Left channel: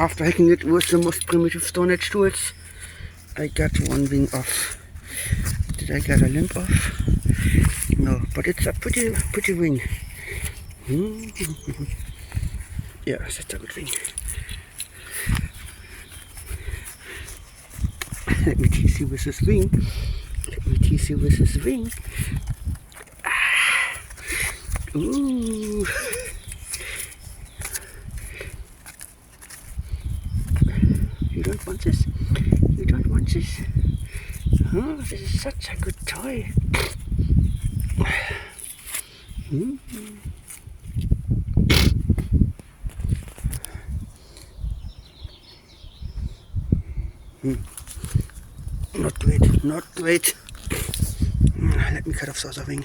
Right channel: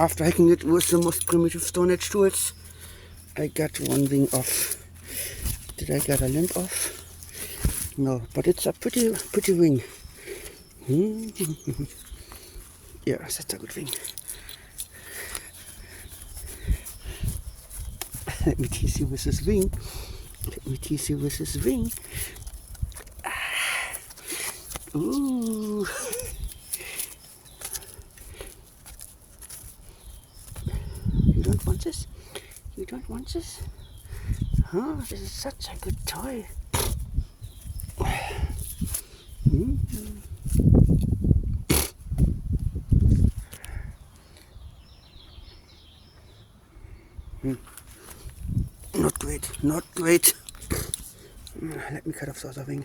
after hacking it with the most primitive Stone Age tools, I got one wing off. Did I get a limb off? No, but it's a pretty wing. Yeah, that's a good wing. Let me tease you with this wing. Ooh. You don't want this? You don't want this? Oh, this is such a good toy. Not great. Let me cut off the other wing.